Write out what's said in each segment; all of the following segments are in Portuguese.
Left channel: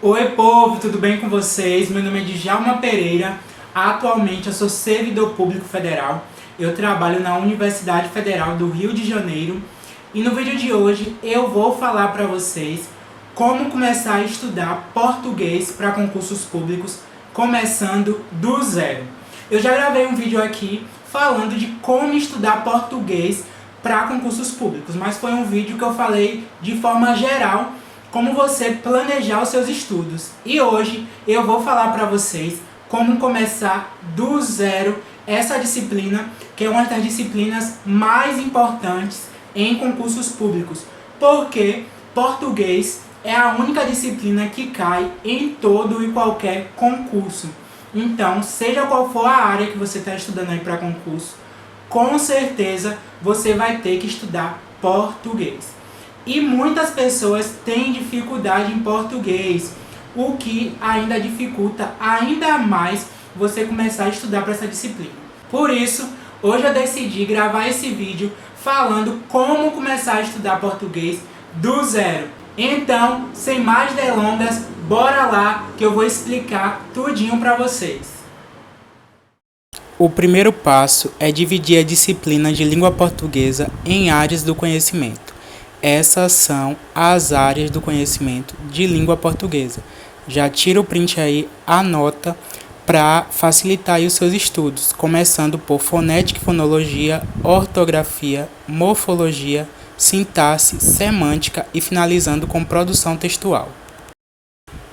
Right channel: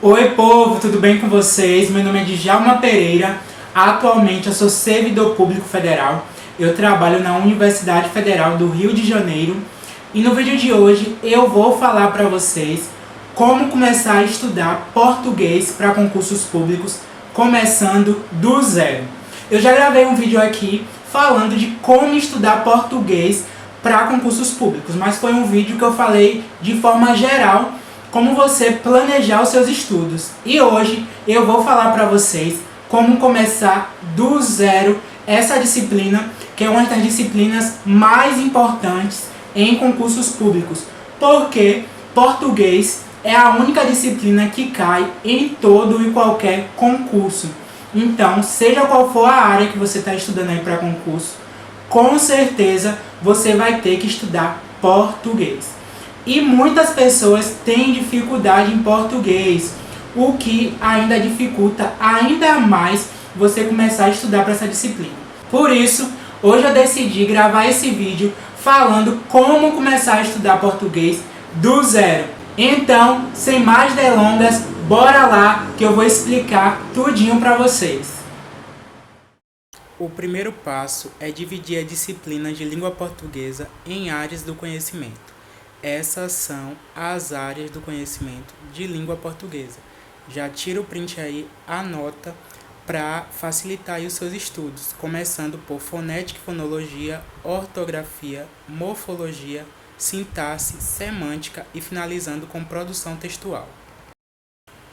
Oi povo, tudo bem com vocês? Meu nome é Djalma Pereira, atualmente eu sou servidor público federal, eu trabalho na Universidade Federal do Rio de Janeiro e no vídeo de hoje eu vou falar para vocês como começar a estudar português para concursos públicos, começando do zero. Eu já gravei um vídeo aqui falando de como estudar português para concursos públicos, mas foi um vídeo que eu falei de forma geral como você planejar os seus estudos. E hoje eu vou falar para vocês como começar do zero essa disciplina, que é uma das disciplinas mais importantes em concursos públicos, porque português é a única disciplina que cai em todo e qualquer concurso. Então, seja qual for a área que você está estudando aí para concurso, com certeza você vai ter que estudar português. E muitas pessoas têm dificuldade em português, o que ainda dificulta ainda mais você começar a estudar para essa disciplina. Por isso, hoje eu decidi gravar esse vídeo falando como começar a estudar português do zero. Então, sem mais delongas, bora lá que eu vou explicar tudinho para vocês. O primeiro passo é dividir a disciplina de língua portuguesa em áreas do conhecimento. Essas são as áreas do conhecimento de língua portuguesa. Já tira o print aí, anota para facilitar aí os seus estudos, começando por fonética e fonologia, ortografia, morfologia, sintaxe, semântica e finalizando com produção textual.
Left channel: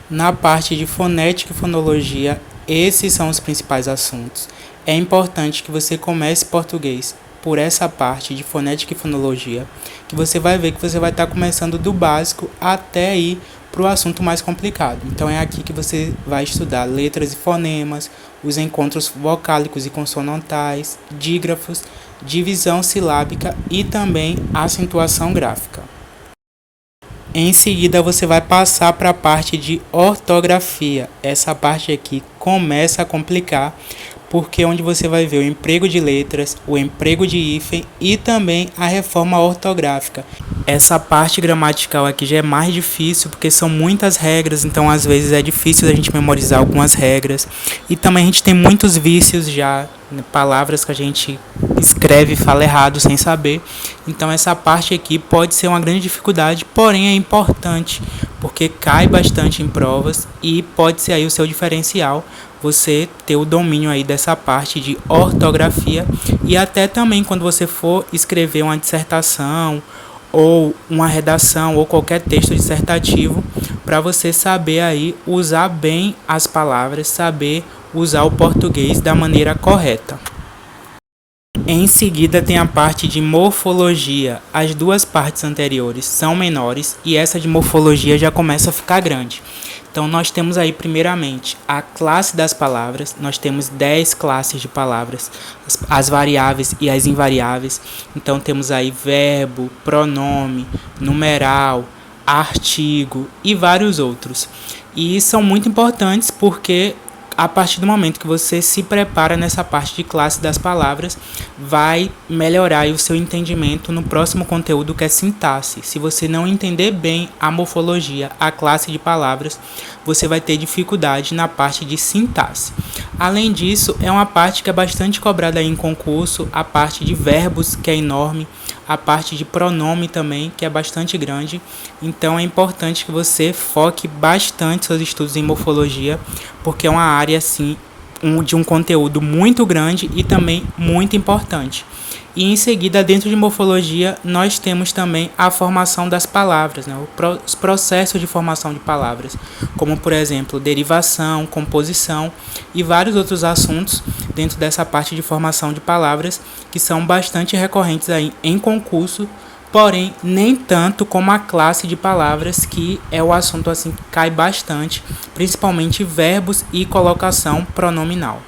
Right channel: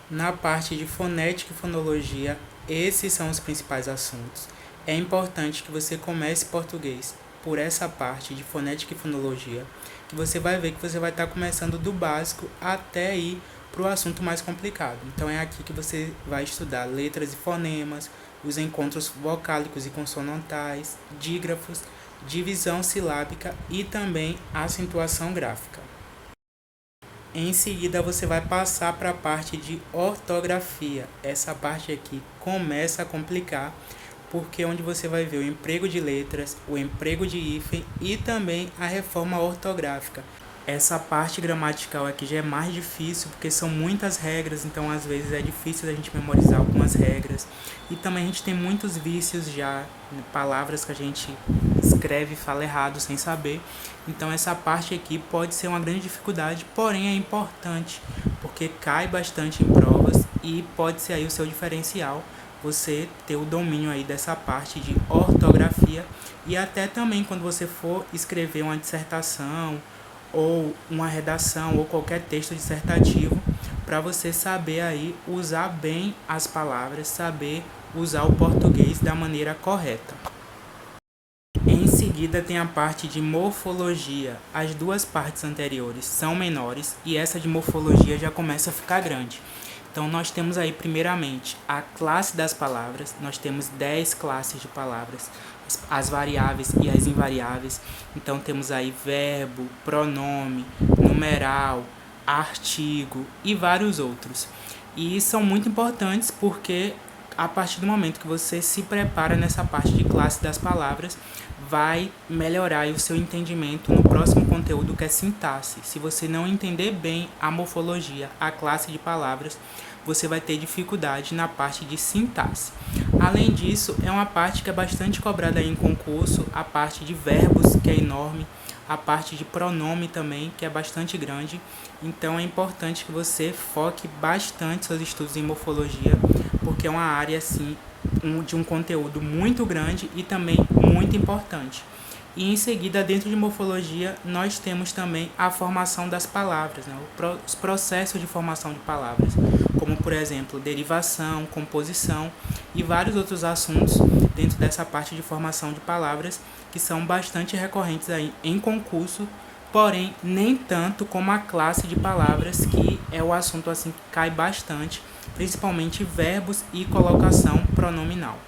Na parte de fonética e fonologia, esses são os principais assuntos. É importante que você comece português por essa parte de fonética e fonologia, que você vai ver que você vai estar começando do básico até ir para o assunto mais complicado. Então é aqui que você vai estudar letras e fonemas, os encontros vocálicos e consonantais, dígrafos, divisão silábica e também acentuação gráfica. Em seguida você vai passar para a parte de ortografia. Essa parte aqui começa a complicar, porque é onde você vai ver o emprego de letras, o emprego de hífen e também a reforma ortográfica. Essa parte gramatical aqui já é mais difícil, porque são muitas regras, então às vezes é difícil a gente memorizar algumas regras. E também a gente tem muitos vícios já, palavras que a gente escreve e fala errado sem saber. Então essa parte aqui pode ser uma grande dificuldade, porém é importante, porque cai bastante em provas e pode ser aí o seu diferencial, você ter o domínio aí dessa parte de ortografia e até também quando você for escrever uma dissertação ou uma redação ou qualquer texto dissertativo, para você saber aí usar bem as palavras, saber usar o português da maneira correta. Em seguida tem a parte de morfologia. As duas partes anteriores são menores e essa de morfologia já começa a ficar grande. Então nós temos aí primeiramente a classe das palavras, nós temos 10 classes de palavras, as variáveis e as invariáveis. Então temos aí verbo, pronome, numeral, artigo e vários outros. E são muito importantes porque a partir do momento que você se prepara nessa parte de classe das palavras, vai melhorar o seu entendimento no próximo conteúdo, que é sintaxe. Se você não entender bem a morfologia, a classe de palavras, você vai ter dificuldade na parte de sintaxe. Além disso, é uma parte que é bastante cobrada aí em concurso, a parte de verbos, que é enorme, a parte de pronome também, que é bastante grande. Então é importante que você foque bastante seus estudos em morfologia, porque é uma área assim, de um conteúdo muito grande e também muito importante. E em seguida, dentro de morfologia, nós temos também a formação das palavras, né? Os processos de formação de palavras, como por exemplo, derivação, composição e vários outros assuntos dentro dessa parte de formação de palavras que são bastante recorrentes aí em concurso, porém nem tanto como a classe de palavras, que é o assunto assim que cai bastante, principalmente verbos e colocação pronominal.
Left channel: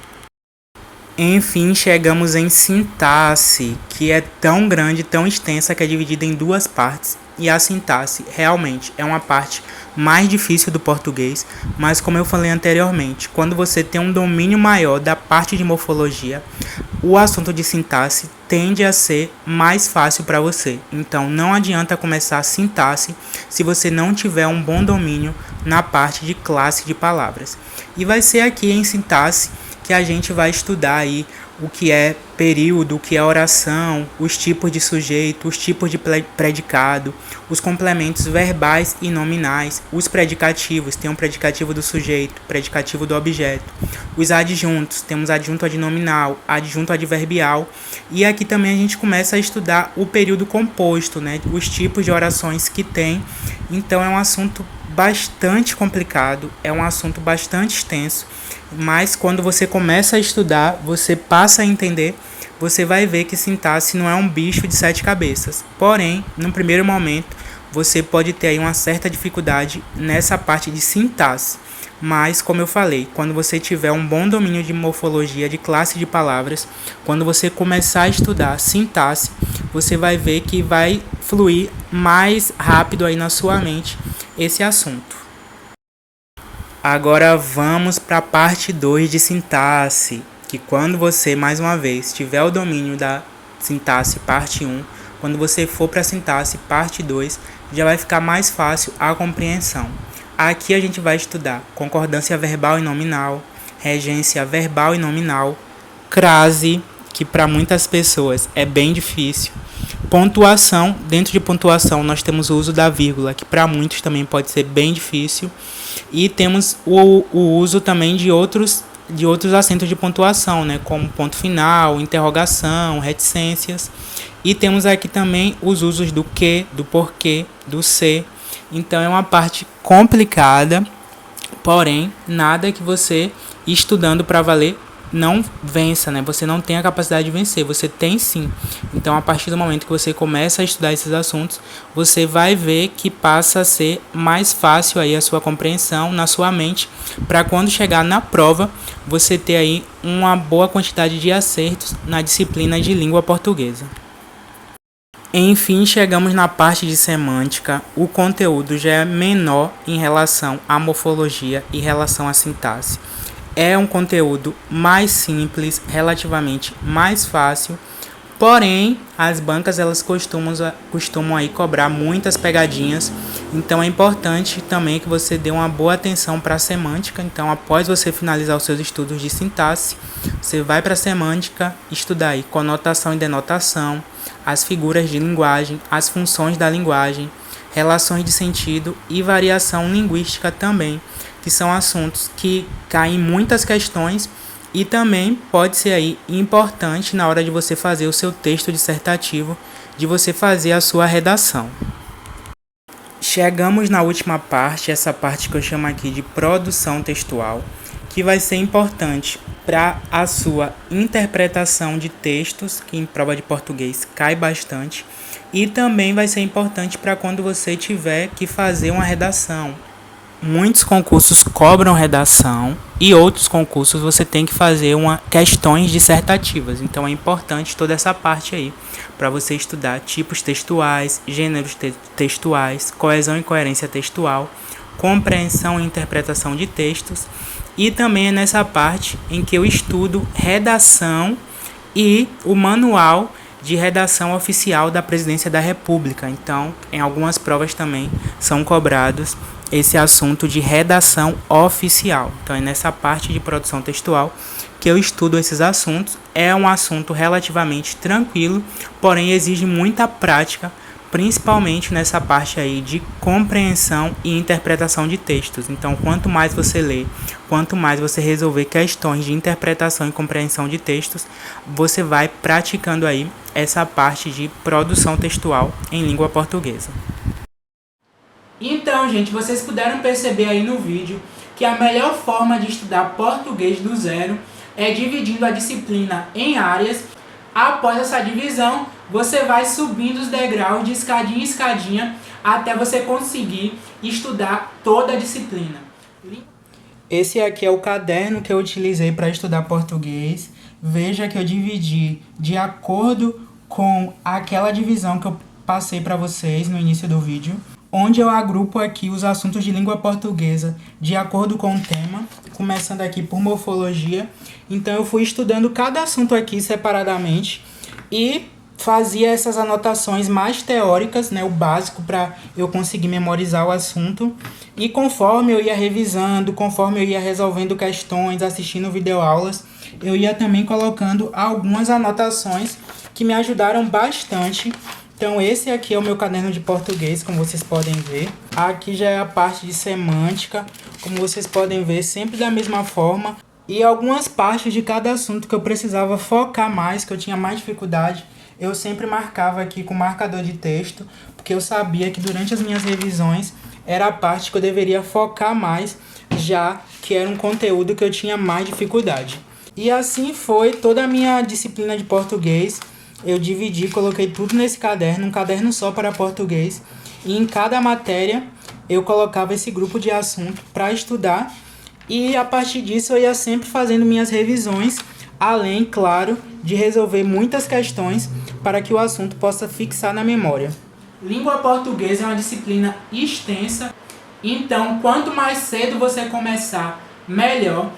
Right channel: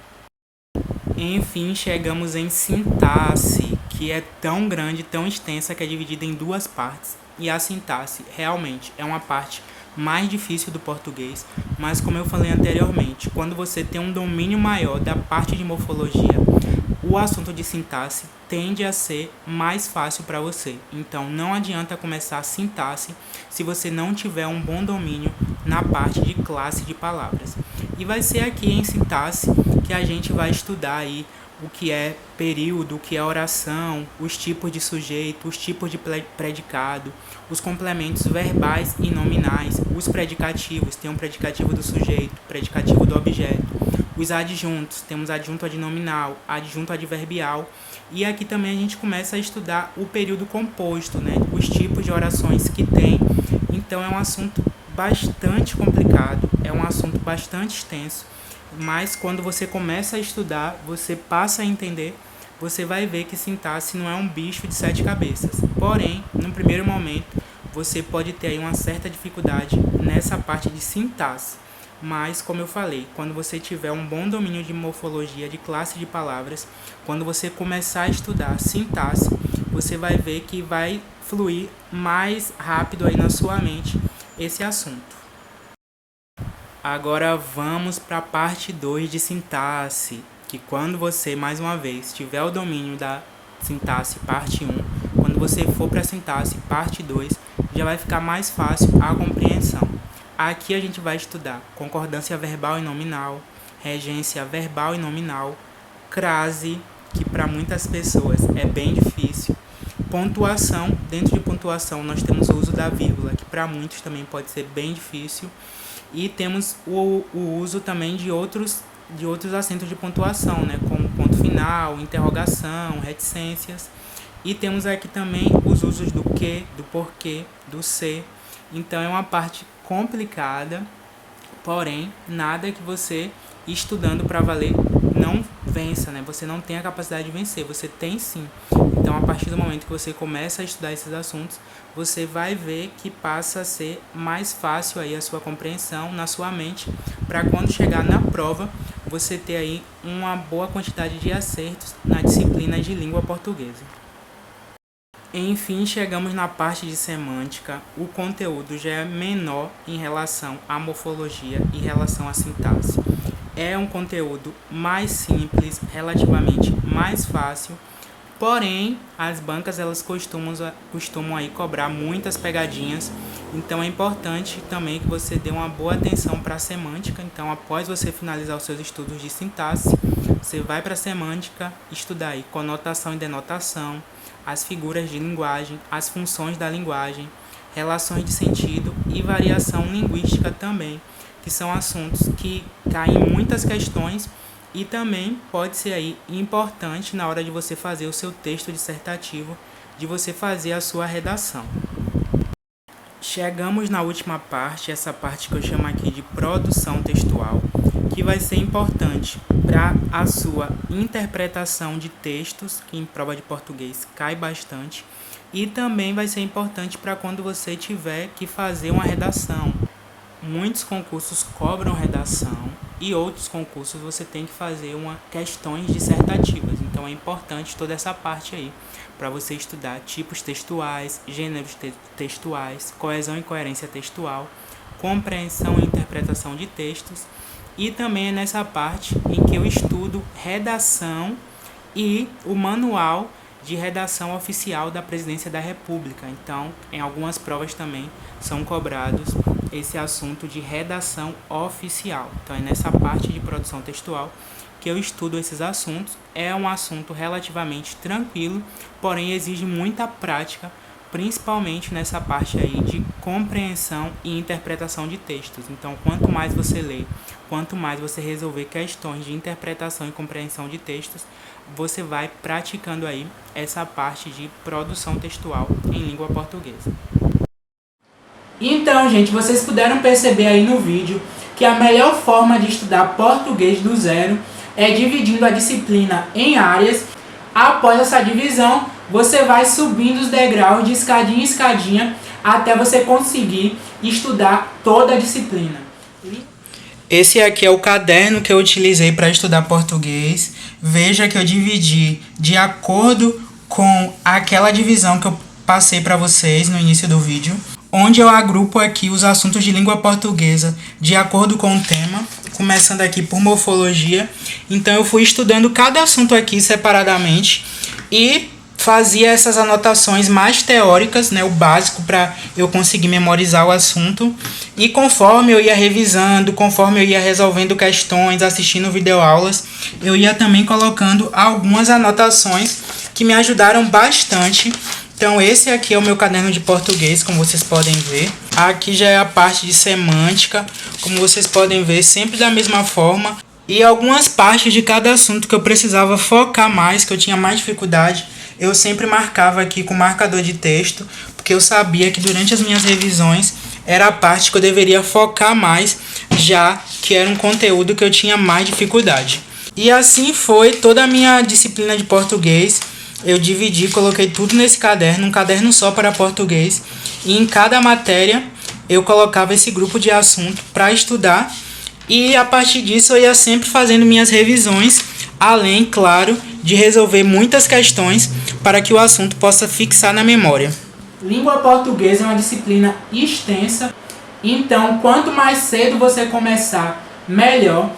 Enfim, chegamos em sintaxe, que é tão grande, tão extensa, que é dividida em duas partes. E a sintaxe realmente é uma parte mais difícil do português, mas como eu falei anteriormente, quando você tem um domínio maior da parte de morfologia, o assunto de sintaxe tende a ser mais fácil para você. Então, não adianta começar a sintaxe se você não tiver um bom domínio na parte de classe de palavras. E vai ser aqui em sintaxe que a gente vai estudar aí o que é período, o que é oração, os tipos de sujeito, os tipos de predicado, os complementos verbais e nominais, os predicativos, tem um predicativo do sujeito, predicativo do objeto, os adjuntos, temos adjunto adnominal, adjunto adverbial, e aqui também a gente começa a estudar o período composto, né? Os tipos de orações que tem. Então é um assunto bastante complicado, é um assunto bastante extenso, mas quando você começa a estudar, você passa a entender, você vai ver que sintaxe não é um bicho de 7 cabeças. Porém, no primeiro momento, você pode ter aí uma certa dificuldade nessa parte de sintaxe. Mas, como eu falei, quando você tiver um bom domínio de morfologia, de classe de palavras, quando você começar a estudar sintaxe, você vai ver que vai fluir mais rápido aí na sua mente esse assunto. Agora vamos para a parte 2 de sintaxe, que quando você, mais uma vez, tiver o domínio da sintaxe parte 1, quando você for para a sintaxe parte 2, já vai ficar mais fácil a compreensão. Aqui a gente vai estudar concordância verbal e nominal, regência verbal e nominal, crase, que para muitas pessoas é bem difícil, pontuação. Dentro de pontuação nós temos o uso da vírgula, que para muitos também pode ser bem difícil, e temos o uso também de outros acentos de pontuação, né, como ponto final, interrogação, reticências, e temos aqui também os usos do que, do porquê, do se. Então é uma parte complicada, porém nada que você estudando para valer não vença, né? Você não tem a capacidade de vencer, você tem sim. Então a partir do momento que você começa a estudar esses assuntos, você vai ver que passa a ser mais fácil aí a sua compreensão na sua mente, para quando chegar na prova, você ter aí uma boa quantidade de acertos na disciplina de língua portuguesa. Enfim, chegamos na parte de semântica. O conteúdo já é menor em relação à morfologia e relação à sintaxe. É um conteúdo mais simples, relativamente mais fácil, porém as bancas elas costumam aí cobrar muitas pegadinhas, então é importante também que você dê uma boa atenção para a semântica. Então, após você finalizar os seus estudos de sintaxe, você vai para a semântica, estudar aí conotação e denotação, as figuras de linguagem, as funções da linguagem, relações de sentido e variação linguística também, que são assuntos que caem em muitas questões e também pode ser aí importante na hora de você fazer o seu texto dissertativo, de você fazer a sua redação. Chegamos na última parte, essa parte que eu chamo aqui de produção textual, que vai ser importante para a sua interpretação de textos, que em prova de português cai bastante, e também vai ser importante para quando você tiver que fazer uma redação. Muitos concursos cobram redação e outros concursos você tem que fazer questões dissertativas. Então é importante toda essa parte aí para você estudar tipos textuais, gêneros textuais, coesão e coerência textual, compreensão e interpretação de textos. E também é nessa parte em que eu estudo redação e o manual de redação oficial da Presidência da República. Então, em algumas provas também são cobrados esse assunto de redação oficial. Então, é nessa parte de produção textual que eu estudo esses assuntos. É um assunto relativamente tranquilo, porém exige muita prática, principalmente nessa parte aí de compreensão e interpretação de textos. Então, quanto mais você lê, quanto mais você resolver questões de interpretação e compreensão de textos, você vai praticando aí essa parte de produção textual em língua portuguesa. Então, gente, vocês puderam perceber aí no vídeo que a melhor forma de estudar português do zero é dividindo a disciplina em áreas. Após essa divisão, você vai subindo os degraus de escadinha em escadinha até você conseguir estudar toda a disciplina. Esse aqui é o caderno que eu utilizei para estudar português. Veja que eu dividi de acordo com aquela divisão que eu passei para vocês no início do vídeo, onde eu agrupo aqui os assuntos de língua portuguesa de acordo com o tema. começando aqui por morfologia. Então eu fui estudando cada assunto aqui separadamente e fazia essas anotações mais teóricas, né, o básico para eu conseguir memorizar o assunto. E conforme eu ia revisando, conforme eu ia resolvendo questões, assistindo videoaulas, eu ia também colocando algumas anotações que me ajudaram bastante. Então esse aqui é o meu caderno de português, como vocês podem ver. Aqui já é a parte de semântica, como vocês podem ver, sempre da mesma forma. E algumas partes de cada assunto que eu precisava focar mais, que eu tinha mais dificuldade, eu sempre marcava aqui com marcador de texto, porque eu sabia que durante as minhas revisões era a parte que eu deveria focar mais, já que era um conteúdo que eu tinha mais dificuldade. E assim foi toda a minha disciplina de português. Eu dividi, coloquei tudo nesse caderno, um caderno só para português. E em cada matéria eu colocava esse grupo de assunto para estudar. E a partir disso eu ia sempre fazendo minhas revisões, além, claro, de resolver muitas questões para que o assunto possa fixar na memória. Língua portuguesa é uma disciplina extensa, então quanto mais cedo você começar, melhor.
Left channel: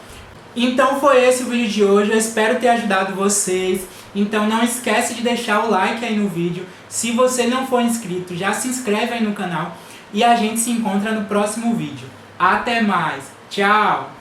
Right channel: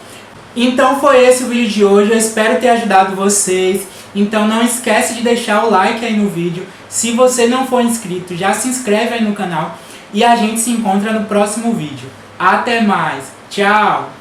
Então foi esse o vídeo de hoje, eu espero ter ajudado vocês. Então não esquece de deixar o like aí no vídeo. Se você não for inscrito, já se inscreve aí no canal. E a gente se encontra no próximo vídeo. Até mais, tchau!